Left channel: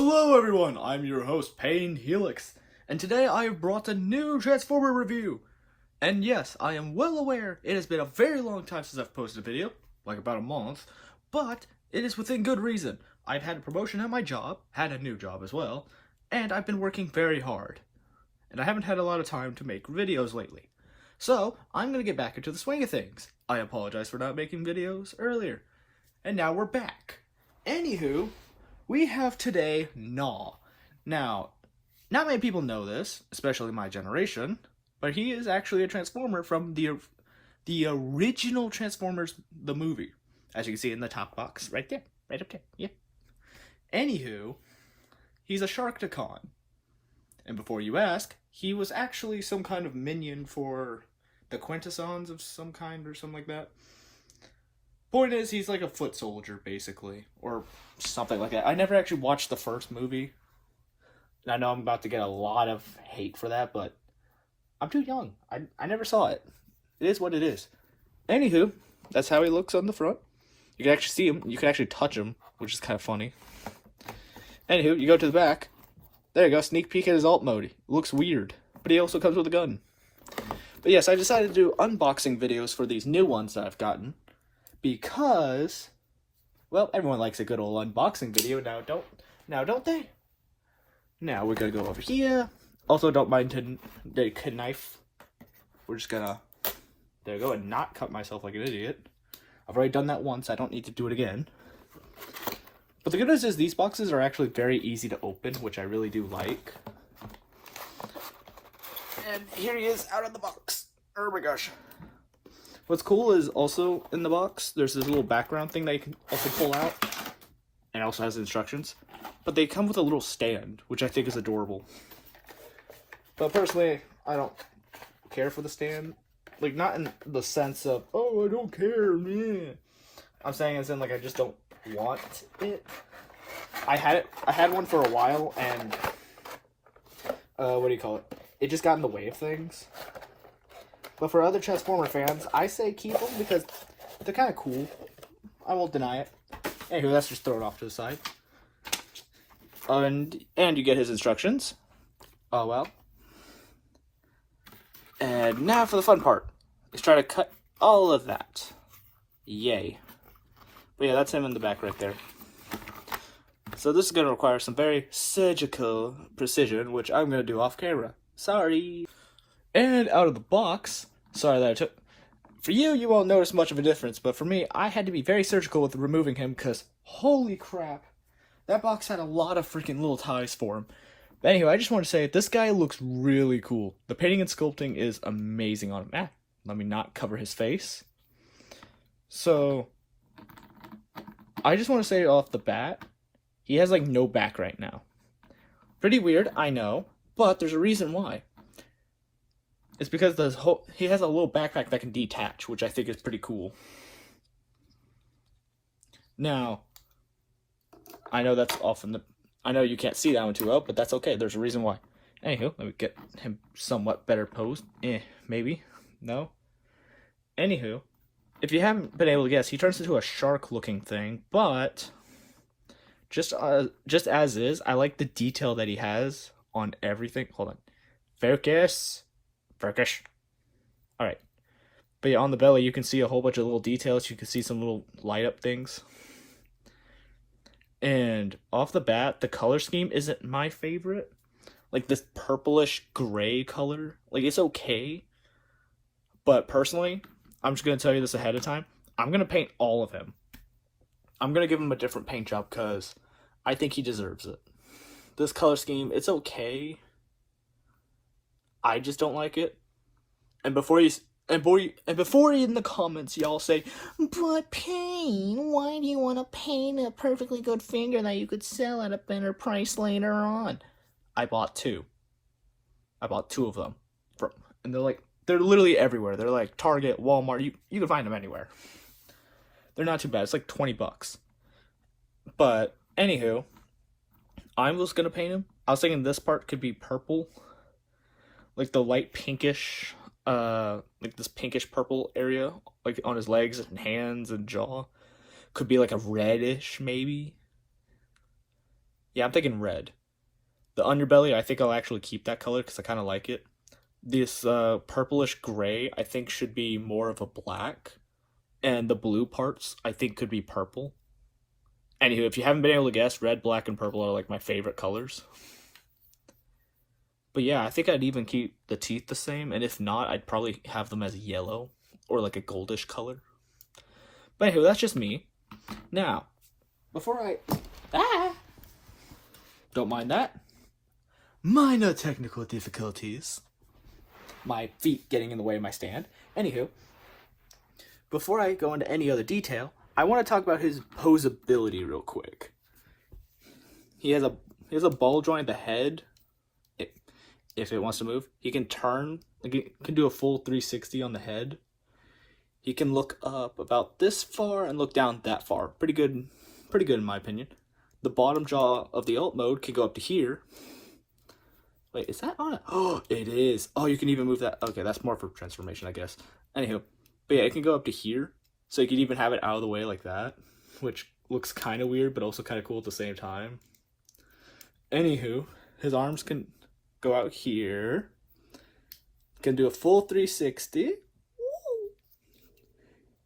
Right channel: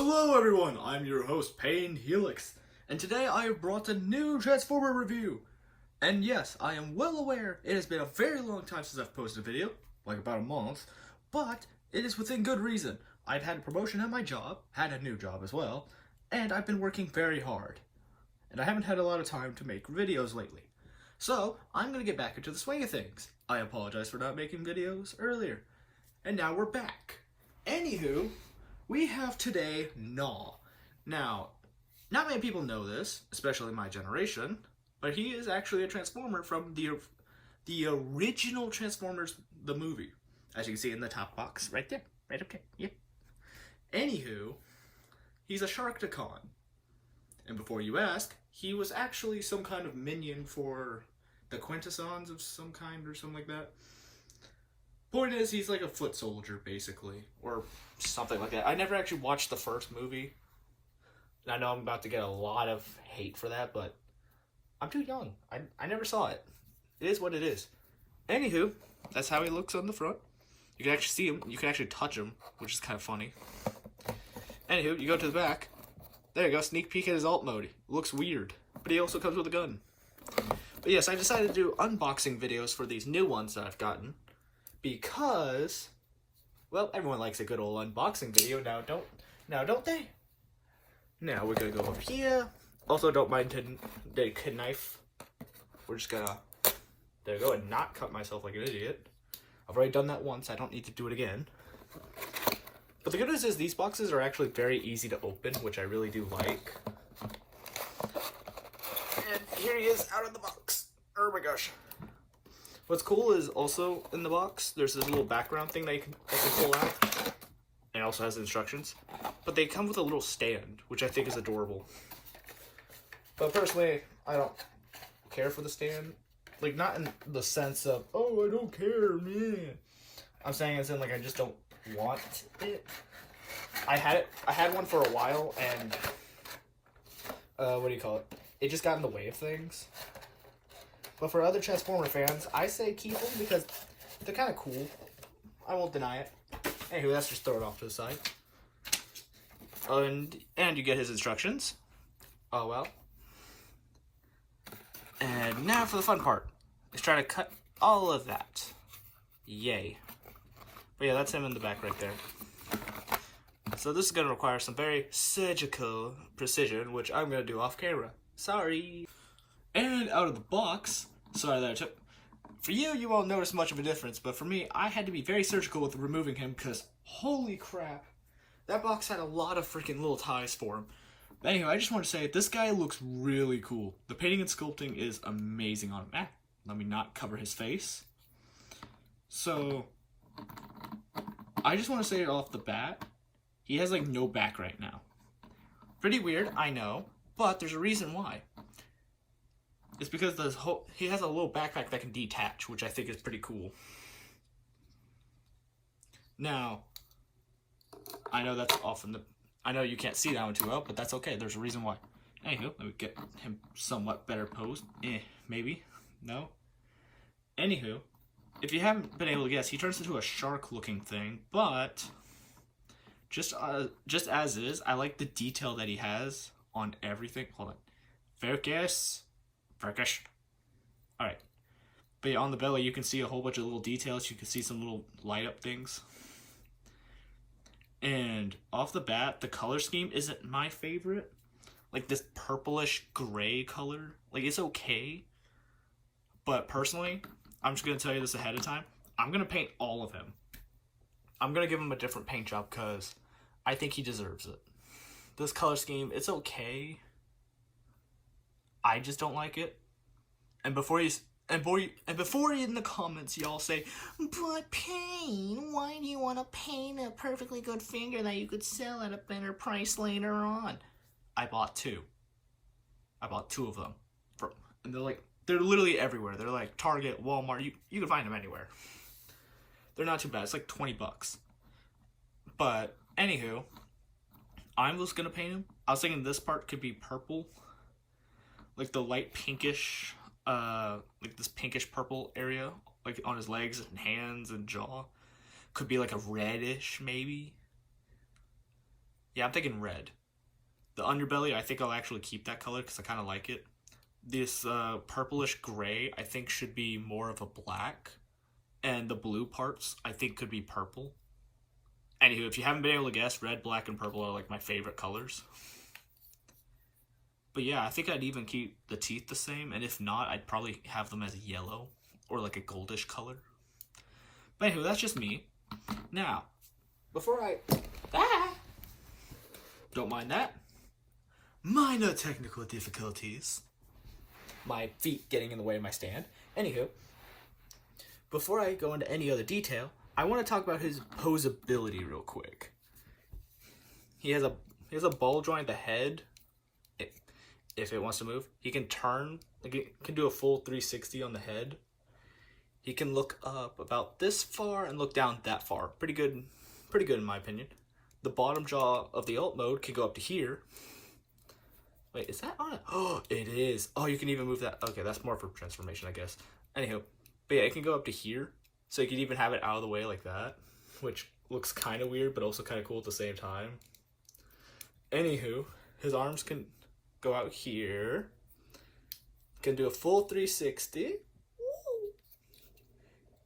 Hello everyone, I'm your host, Payne Helix, and today I have brought a new Transformer review. And yes, I am well aware it has been a very long time since I've posted a video, like about a month, but it is within good reason. I've had a promotion at my job, had a new job as well, and I've been working very hard. And I haven't had a lot of time to make videos lately. So, I'm going to get back into the swing of things. I apologize for not making videos earlier. And now we're back. Anywho, we have today Gnaw. Now, not many people know this, especially my generation, but he is actually a Transformer from the original Transformers, the movie. As you can see in the top box, right there, right up there, yeah. Anywho, he's a Sharkticon. And before you ask, he was actually some kind of minion for the Quintessons of some kind or something like that. Point is, he's like a foot soldier, basically, or something like that. I never actually watched the first movie. And I know I'm about to get a lot of hate for that, but I'm too young. I never saw it. It is what it is. Anywho, that's how he looks on the front. You can actually see him. You can actually touch him, which is kind of funny. Anywho, you go to the back. There you go, sneak peek at his alt mode. It looks weird, but he also comes with a gun. But yes, I decided to do unboxing videos for these new ones that I've gotten. Because, well, everyone likes a good old unboxing video now, don't they? Now we're gonna go over here. Also, don't mind the knife. We're just gonna, there you go, and not cut myself like an idiot. I've already done that once, I don't need to do it again. But the good news is these boxes are actually very easy to open, which I really do like. And here he is out of the box. Oh my gosh. What's cool is also in the box, there's this little background thing that you can also pull out. And it also has instructions. But they come with a little stand, which I think is adorable. But personally, I don't care for the stand. Like, not in the sense of, oh, I don't care, man. I'm saying it's in, like, I just don't want it. I had one for a while, and, what do you call it? It just got in the way of things. But for other Transformer fans, I say keep them because they're kind of cool. I won't deny it. Anyway, let's just throw it off to the side. And you get his instructions. Oh well. And now for the fun part. Let's try to cut all of that. Yay. But yeah, that's him in the back right there. So this is going to require some very surgical precision, which I'm going to do off camera. Sorry. And out of the box, sorry that I took, for you, you won't notice much of a difference, but for me, I had to be very surgical with removing him, because holy crap, that box had a lot of freaking little ties for him. But anyway, I just want to say, this guy looks really cool. The painting and sculpting is amazing on him. Let me not cover his face. So, I just want to say off the bat, he has like no back right now. Pretty weird, I know, but there's a reason why. It's because he has a little backpack that can detach, which I think is pretty cool. Now, I know that's often I know you can't see that one too well, but that's okay. There's a reason why. Anywho, let me get him somewhat better posed. Maybe. No. Anywho, if you haven't been able to guess, he turns into a shark-looking thing, but just as is, I like the detail that he has on everything. Hold on. Focus. Alright. But yeah, on the belly, you can see a whole bunch of little details. You can see some little light up things. And off the bat, the color scheme isn't my favorite. Like this purplish gray color. Like, it's okay. But personally, I'm just going to tell you this ahead of time. I'm going to paint all of him. I'm going to give him a different paint job because I think he deserves it. This color scheme, it's okay. I just don't like it. And before in the comments y'all say, but Payne, why do you want to paint a perfectly good finger that you could sell at a better price later on? I bought two. I bought two of them. And they're literally everywhere. They're like Target, Walmart, you can find them anywhere. They're not too bad. It's like 20 bucks. But anywho, I was gonna paint him. I was thinking this part could be purple. Like the light pinkish, like this pinkish purple area, like on his legs and hands and jaw. Could be like a reddish, maybe. Yeah, I'm thinking red. The underbelly, I think I'll actually keep that color because I kind of like it. This purplish gray, I think should be more of a black. And the blue parts, I think could be purple. Anywho, if you haven't been able to guess, red, black, and purple are like my favorite colors. But yeah, I think I'd even keep the teeth the same. And if not, I'd probably have them as yellow or like a goldish color. But anyway, that's just me. Now, before I... Don't mind that. Minor technical difficulties. My feet getting in the way of my stand. Anywho, before I go into any other detail, I want to talk about his posability real quick. He has a ball joint at the head. If it wants to move, he can turn. Like he can do a full 360 on the head. He can look up about this far and look down that far. Pretty good in my opinion. The bottom jaw of the alt mode can go up to here. Wait, is that on it? Oh, it is. Oh, you can even move that. Okay, that's more for transformation, I guess. Anywho, but yeah, it can go up to here. So you can even have it out of the way like that, which looks kind of weird, but also kind of cool at the same time. Anywho, his arms can go out here. Can do a full 360.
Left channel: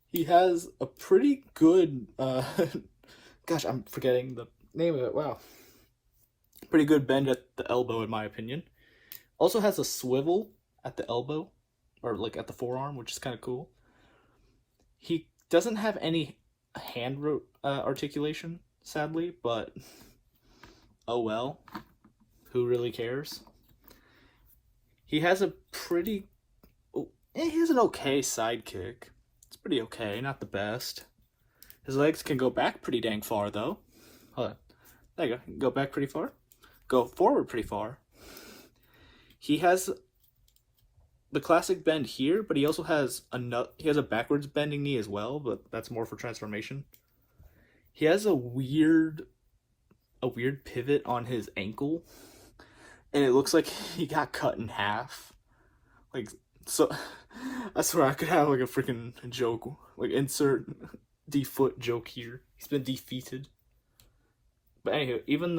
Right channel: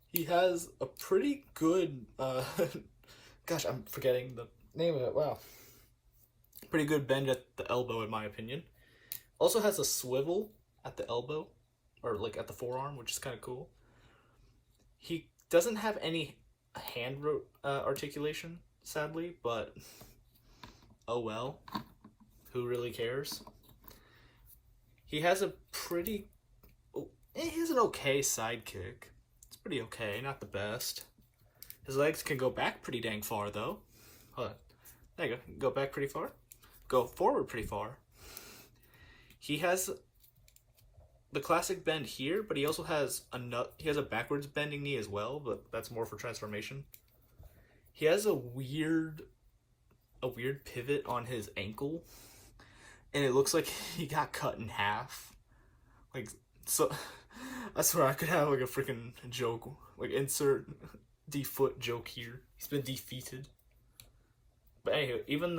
He has a pretty good, gosh, I'm forgetting the name of it. Wow. Pretty good bend at the elbow, in my opinion. Also has a swivel at the elbow, or like at the forearm, which is kind of cool. He doesn't have any hand articulation, sadly, but oh well. Who really cares? He has a pretty... he has an okay sidekick. It's pretty okay, not the best. His legs can go back pretty dang far, though. Hold on. There you go. Go back pretty far. Go forward pretty far. He has the classic bend here, but he also has a backwards bending knee as well, but that's more for transformation. He has a weird pivot on his ankle, and it looks like he got cut in half. Like, so I swear I could have like a freaking joke, like insert defoot joke here. He's been defeated. But anyway, even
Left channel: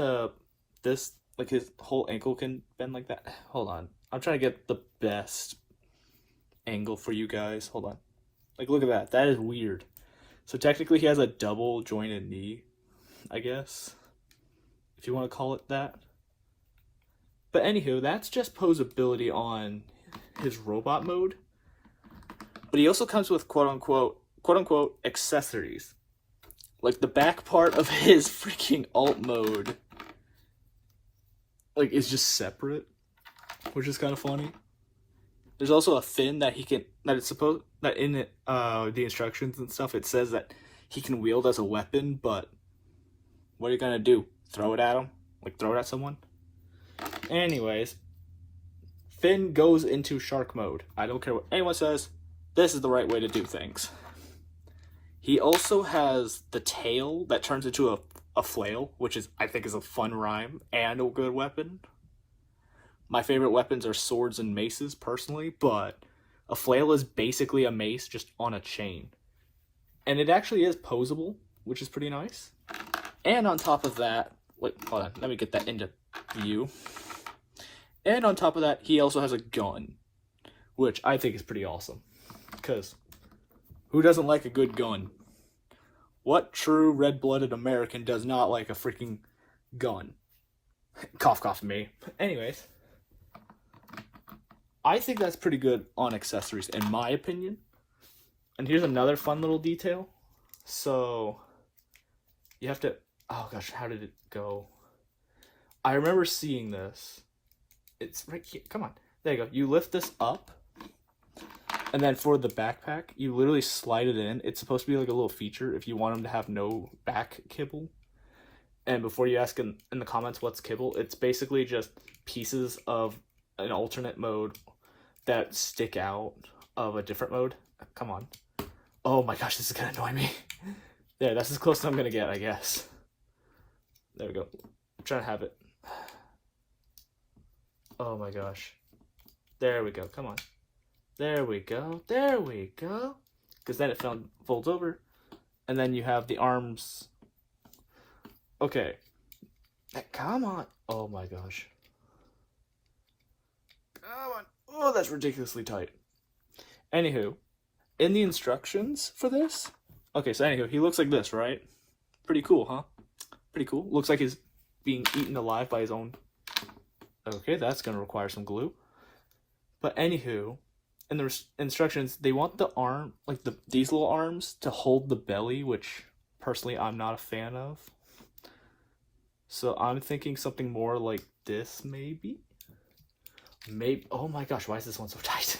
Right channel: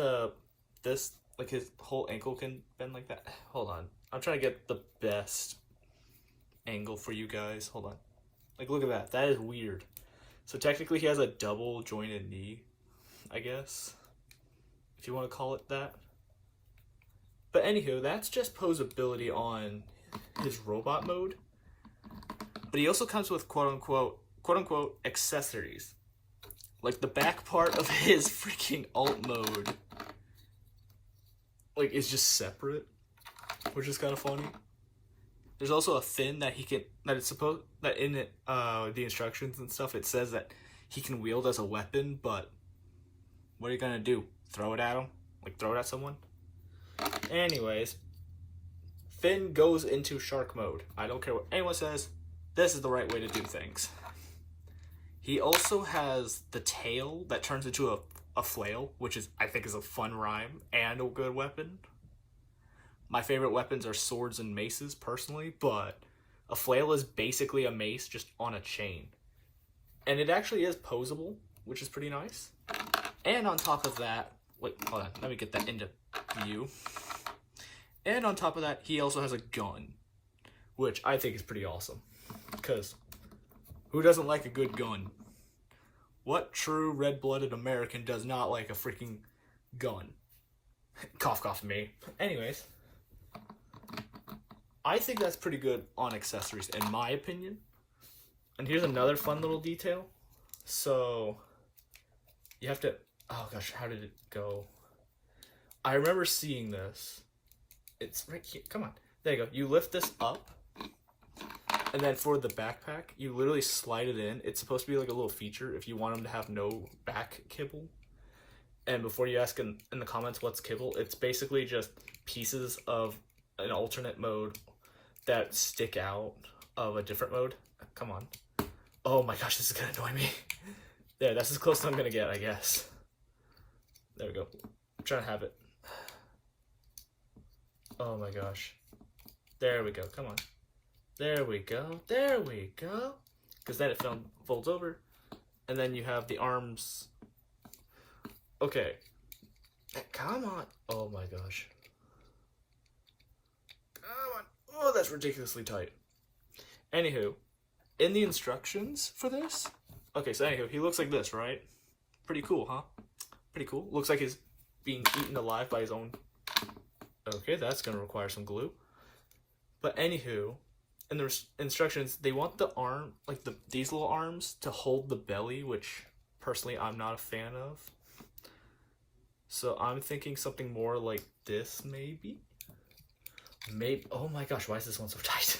this like his whole ankle can bend like that. Hold on, I'm trying to get the best angle for you guys. Hold on. Like, look at that. That is weird. So technically he has a double jointed knee, I guess, if you want to call it that. But anywho, that's just posability on his robot mode. But he also comes with quote unquote accessories. Like the back part of his freaking alt mode, like, is just separate, which is kind of funny. There's also a fin that that in it, the instructions and stuff, it says that he can wield as a weapon, but what are you gonna do? Throw it at him? Like, throw it at someone? Anyways, Finn goes into shark mode. I don't care what anyone says, this is the right way to do things. He also has the tail that turns into a flail, which I think is a fun rhyme and a good weapon. My favorite weapons are swords and maces, personally, but a flail is basically a mace just on a chain. And it actually is posable, which is pretty nice. And on top of that, wait, hold on, let me get that into view. And on top of that, he also has a gun, which I think is pretty awesome. Because who doesn't like a good gun? What true red-blooded American does not like a freaking gun? Cough, cough, me. Anyways, I think that's pretty good on accessories, in my opinion. And here's another fun little detail. So, you have to... Oh gosh, how did it go? I remember seeing this. It's right here. Come on. There you go. You lift this up. And then for the backpack, you literally slide it in. It's supposed to be like a little feature if you want them to have no back kibble. And before you ask in the comments what's kibble, it's basically just pieces of an alternate mode that stick out of a different mode. Come on. Oh my gosh, this is gonna annoy me. There, that's as close as I'm gonna get, I guess. There we go. I'm trying to have it. Oh my gosh. There we go, come on. There we go, there we go. Because then it folds over. And then you have the arms. Okay. Come on. Oh my gosh. Come on. Oh, that's ridiculously tight. Anywho, in the instructions for this, okay, so anywho, he looks like this, right? Pretty cool, huh? Pretty cool. Looks like he's being eaten alive by his own. Okay, that's going to require some glue. But anywho, in the instructions, they want the arm, like these little arms, to hold the belly, which personally I'm not a fan of. So I'm thinking something more like this, maybe? Maybe. Oh my gosh, why is this one so tight?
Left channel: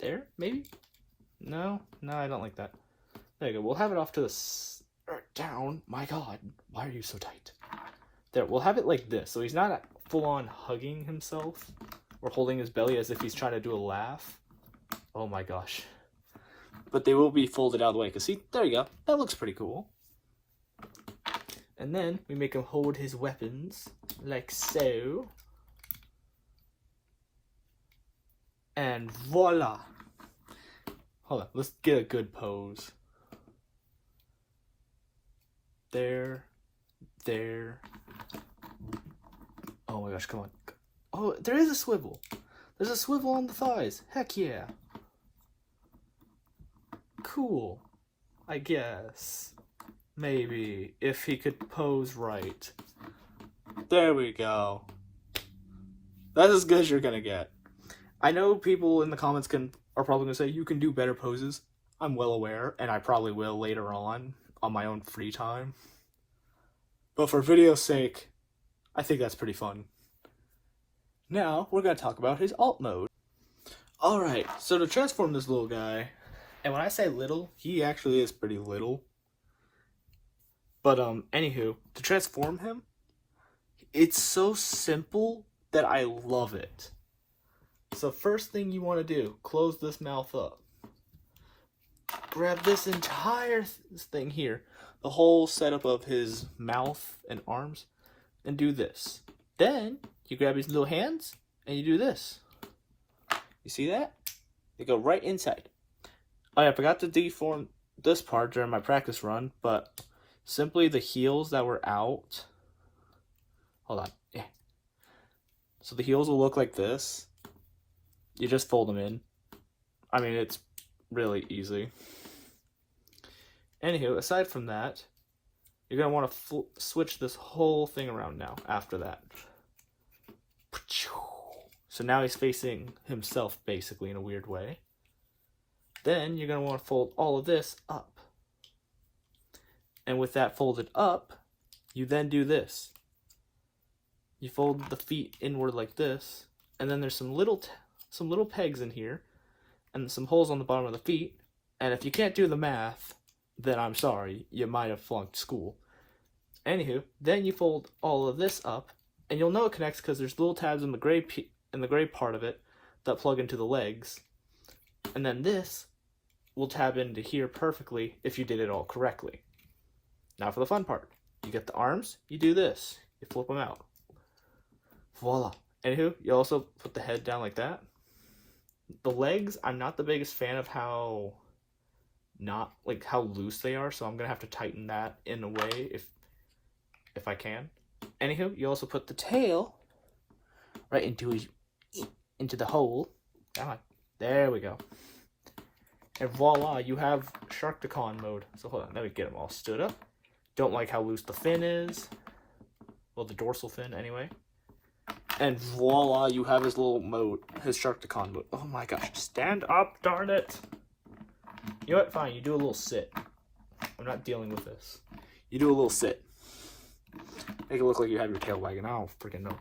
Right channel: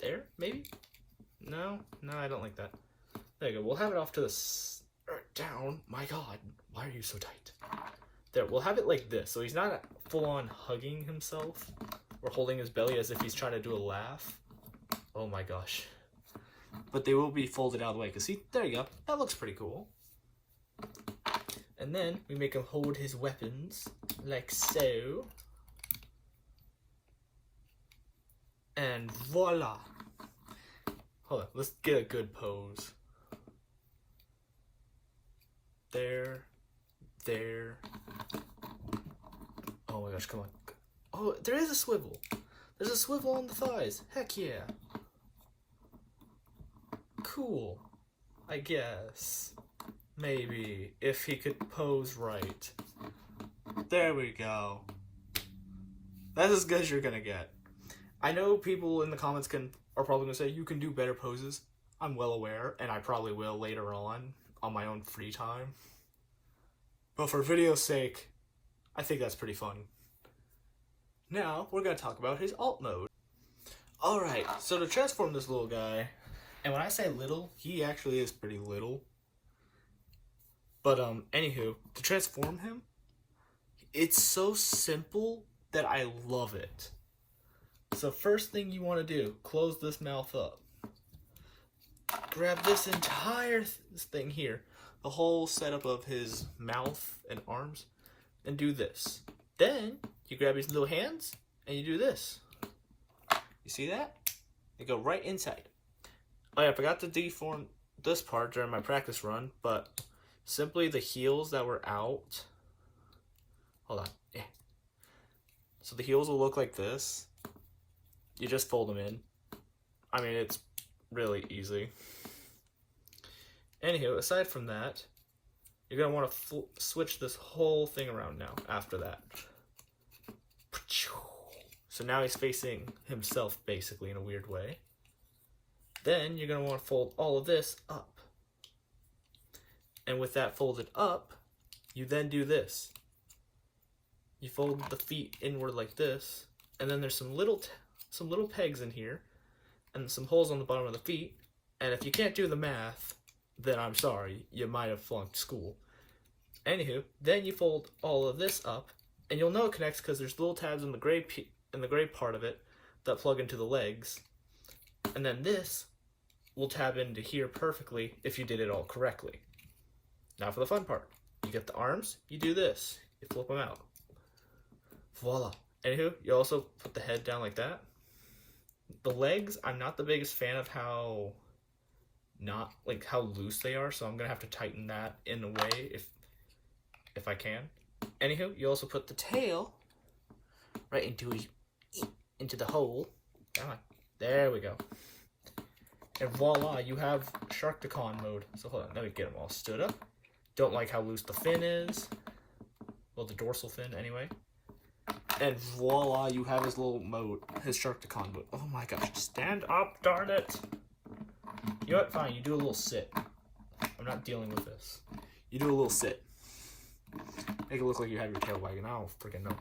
There, maybe? No, I don't like that. There you go. We'll have it off to the down. My God, why are you so tight? There, we'll have it like this. So he's not full on hugging himself or holding his belly as if he's trying to do a laugh. Oh my gosh. But they will be folded out of the way. Because see, there you go. That looks pretty cool. And then we make him hold his weapons like so. And voila. Hold on, let's get a good pose. There. Oh my gosh, come on. Oh, there is a swivel. There's a swivel on the thighs. Heck yeah. Cool. I guess. Maybe. If he could pose right. There we go. That's as good as you're gonna get. I know people in the comments are probably gonna say you can do better poses. I'm well aware, and I probably will later on my own free time. But for video's sake, I think that's pretty fun. Now, we're going to talk about his alt mode. Alright, so to transform this little guy, and when I say little, he actually is pretty little. But, anywho, to transform him, it's so simple that I love it. So first thing you want to do, close this mouth up. Grab this entire thing here, the whole setup of his mouth and arms, and do this. Then you grab his little hands and you do this. You see that? They go right inside. Oh yeah, I forgot to deform this part during my practice run, but simply the heels that were out. Hold on. Yeah. So the heels will look like this. You just fold them in. I mean, it's really easy. Anywho, aside from that, you're going to want to switch this whole thing around now after that. So now he's facing himself basically in a weird way. Then you're going to want to fold all of this up. And with that folded up, you then do this. You fold the feet inward like this, and then there's some little pegs in here and some holes on the bottom of the feet. And if you can't do the math, then I'm sorry, you might have flunked school. Anywho, then you fold all of this up, and you'll know it connects because there's little tabs in the gray part of it that plug into the legs. And then this will tab into here perfectly if you did it all correctly. Now for the fun part. You get the arms, you do this. You flip them out. Voila. Anywho, you also put the head down like that. The legs, I'm not the biggest fan of how loose they are, so I'm gonna have to tighten that in a way if I can. Anywho, you also put the tail right into the hole. Come on. There we go. And voila, you have Sharktacon mode. So hold on, let me get them all stood up. Don't like how loose the fin is. Well, the dorsal fin anyway. And voila, you have his little mode, his Sharktacon mode. Oh my gosh, stand up, darn it. You know what, fine, you do a little sit. I'm not dealing with this. You do a little sit. Make it look like you have your tail wagging. I don't freaking know.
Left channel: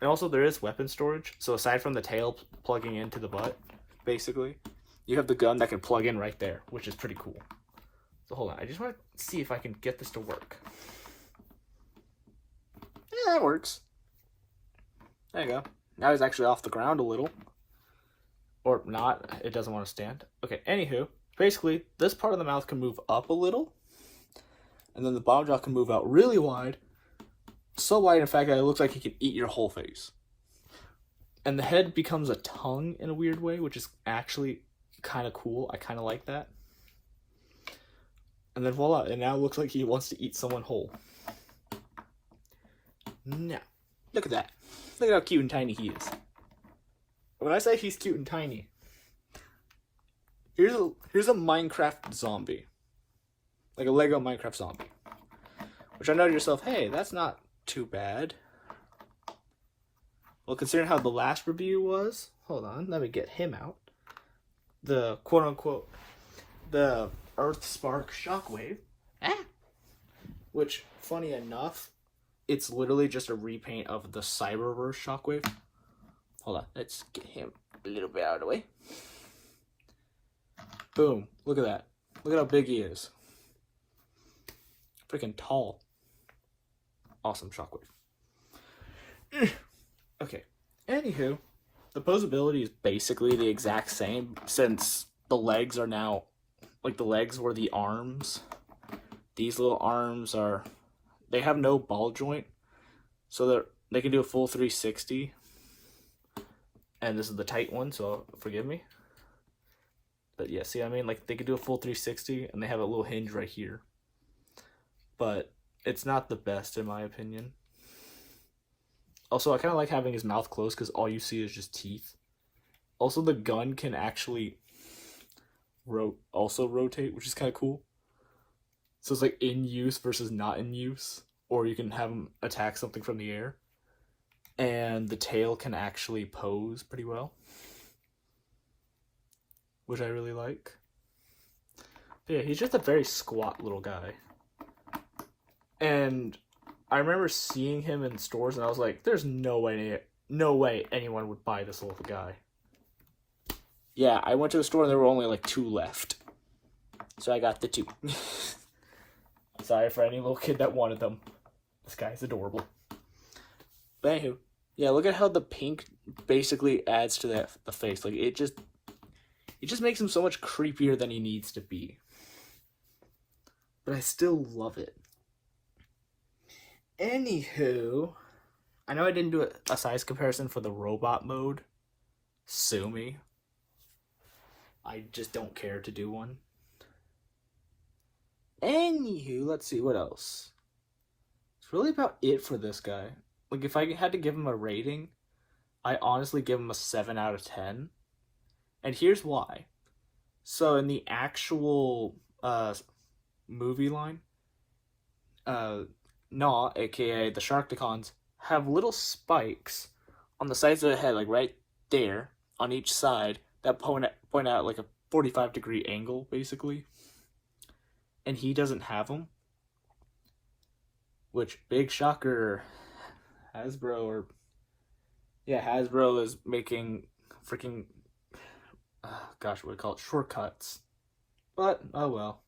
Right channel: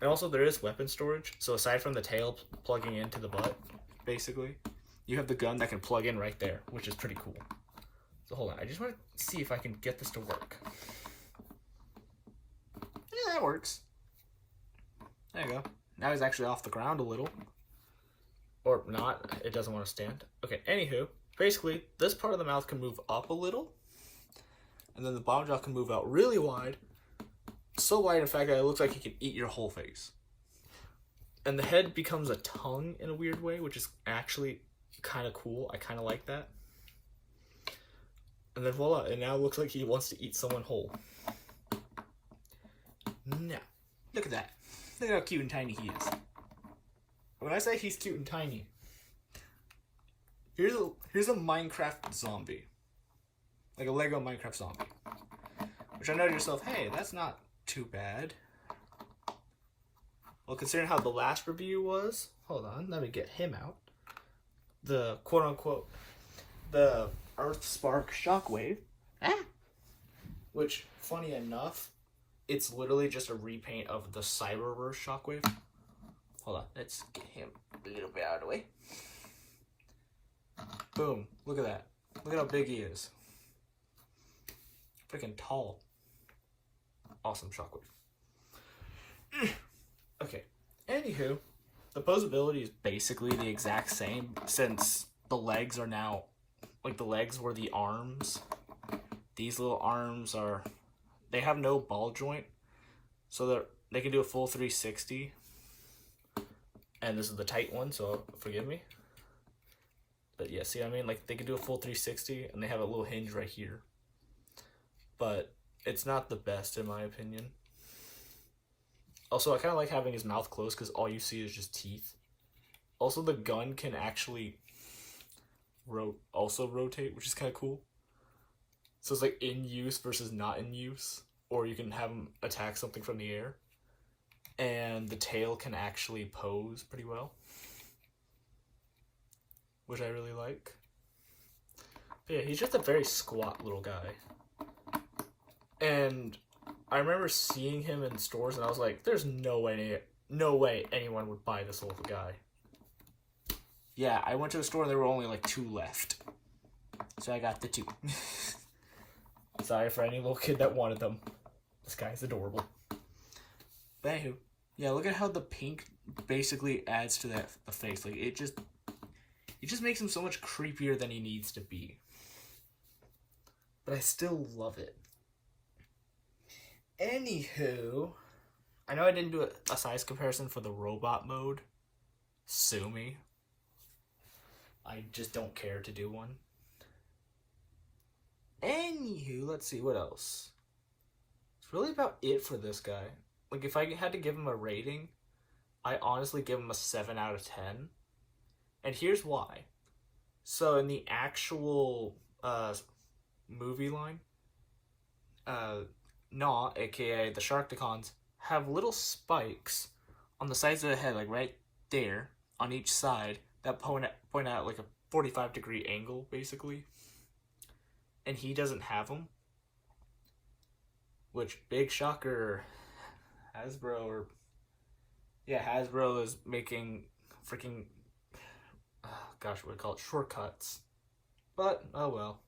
And also there is weapon storage. So aside from the tail plugging into the butt, basically, you have the gun that can plug in right there, which is pretty cool. So hold on, I just want to see if I can get this to work. Yeah, that works. There you go. Now he's actually off the ground a little. Or not, it doesn't want to stand. Okay, anywho, basically, this part of the mouth can move up a little. And then the bottom jaw can move out really wide. So wide, in fact, that it looks like he can eat your whole face. And the head becomes a tongue in a weird way, which is actually kind of cool. I kind of like that. And then voila, it now looks like he wants to eat someone whole. Now, look at that. Look at how cute and tiny he is. When I say he's cute and tiny, here's a Minecraft zombie. Like a Lego Minecraft zombie. Which I know to yourself, hey, that's not too bad. Well, considering how the last review was, hold on, let me get him out. The quote-unquote, the Earth Spark Shockwave. Which, funny enough, it's literally just a repaint of the Cyberverse Shockwave. Hold on, let's get him a little bit out of the way. Boom, look at that. Look at how big he is. Freaking tall. Awesome Shockwave. Okay, anywho, the posability is basically the exact same since the legs are now, like the legs were the arms. These little arms are, they have no ball joint, so they can do a full 360. And this is the tight one, so forgive me. But yeah, see what I mean? Like, they could do a full 360, and they have a little hinge right here. But it's not the best, in my opinion. Also, I kind of like having his mouth closed, because all you see is just teeth. Also, the gun can actually also rotate, which is kind of cool. So it's like in use versus not in use. Or you can have him attack something from the air. And the tail can actually pose pretty well, which I really like. But yeah, he's just a very squat little guy. And I remember seeing him in stores and I was like, there's no way anyone would buy this little guy. Yeah, I went to the store and there were only like 2 left. So I got the 2. Sorry for any little kid that wanted them. This guy's adorable. But anywho, yeah, look at how the pink basically adds to the face. Like, it just makes him so much creepier than he needs to be. But I still love it. Anywho, I know I didn't do a size comparison for the robot mode. Sue me. I just don't care to do one. Anywho, let's see, what else? It's really about it for this guy. Like, if I had to give him a rating, I honestly give him a 7 out of 10. And here's why. So, in the actual movie line, Gnaw, aka the Sharkticons, have little spikes on the sides of the head, like right there, on each side, that point out like a 45-degree angle, basically. And he doesn't have them. Which, big shocker, Hasbro is making freaking, gosh, what do we call it, shortcuts. But, oh well.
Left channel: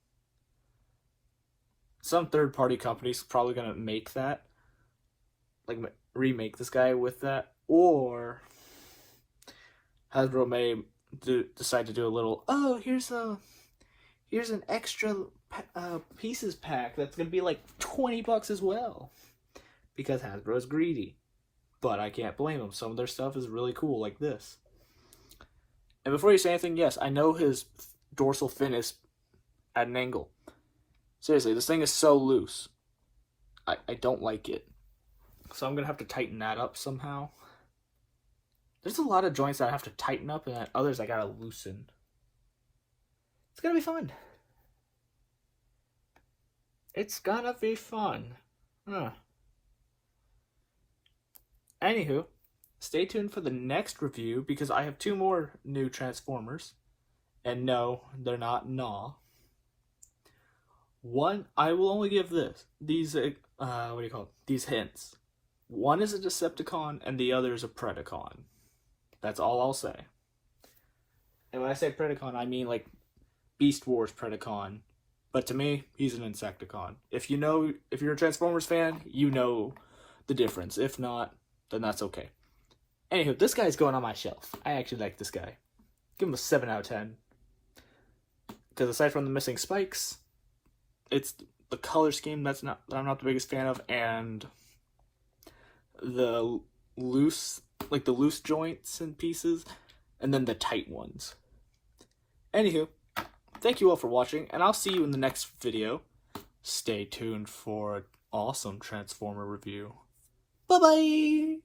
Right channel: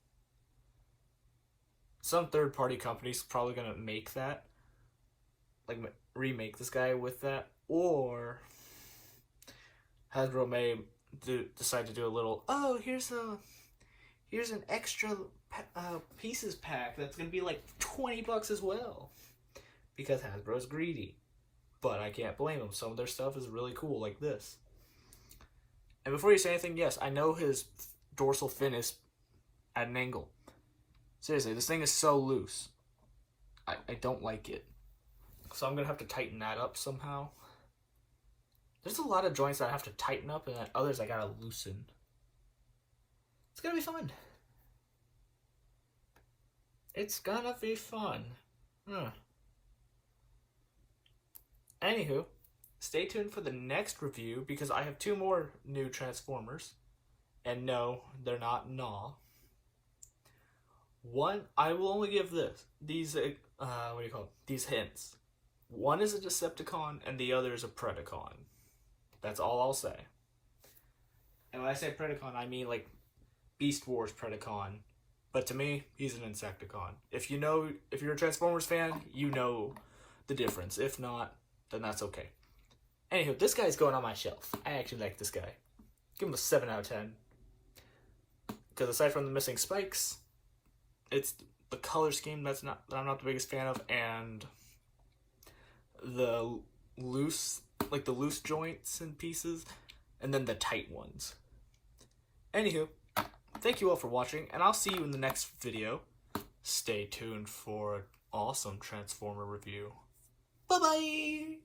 Some third-party company's probably gonna make that, like remake this guy with that, or Hasbro may decide to do a little, oh, here's an extra pieces pack that's gonna be like $20 as well, because Hasbro's greedy. But I can't blame them. Some of their stuff is really cool, like this. And before you say anything, yes, I know his dorsal fin is at an angle. Seriously, this thing is so loose. I don't like it. So I'm going to have to tighten that up somehow. There's a lot of joints that I have to tighten up, and then others I got to loosen. It's going to be fun. It's going to be fun. Huh. Anywho, stay tuned for the next review, because I have 2 more new Transformers. And no, they're not Gnaw. One, I will only give these hints. One is a Decepticon, and the other is a Predacon. That's all I'll say. And when I say Predacon, I mean like Beast Wars Predacon. But to me, he's an Insecticon. If you're a Transformers fan, you know the difference. If not, then that's okay. Anywho, this guy's going on my shelf. I actually like this guy. Give him a 7 out of 10. Because aside from the missing spikes, it's the color scheme that I'm not the biggest fan of, and the loose joints and pieces, and then the tight ones. Anywho, thank you all for watching, and I'll see you in the next video. Stay tuned for an awesome Transformer review. Bye-bye!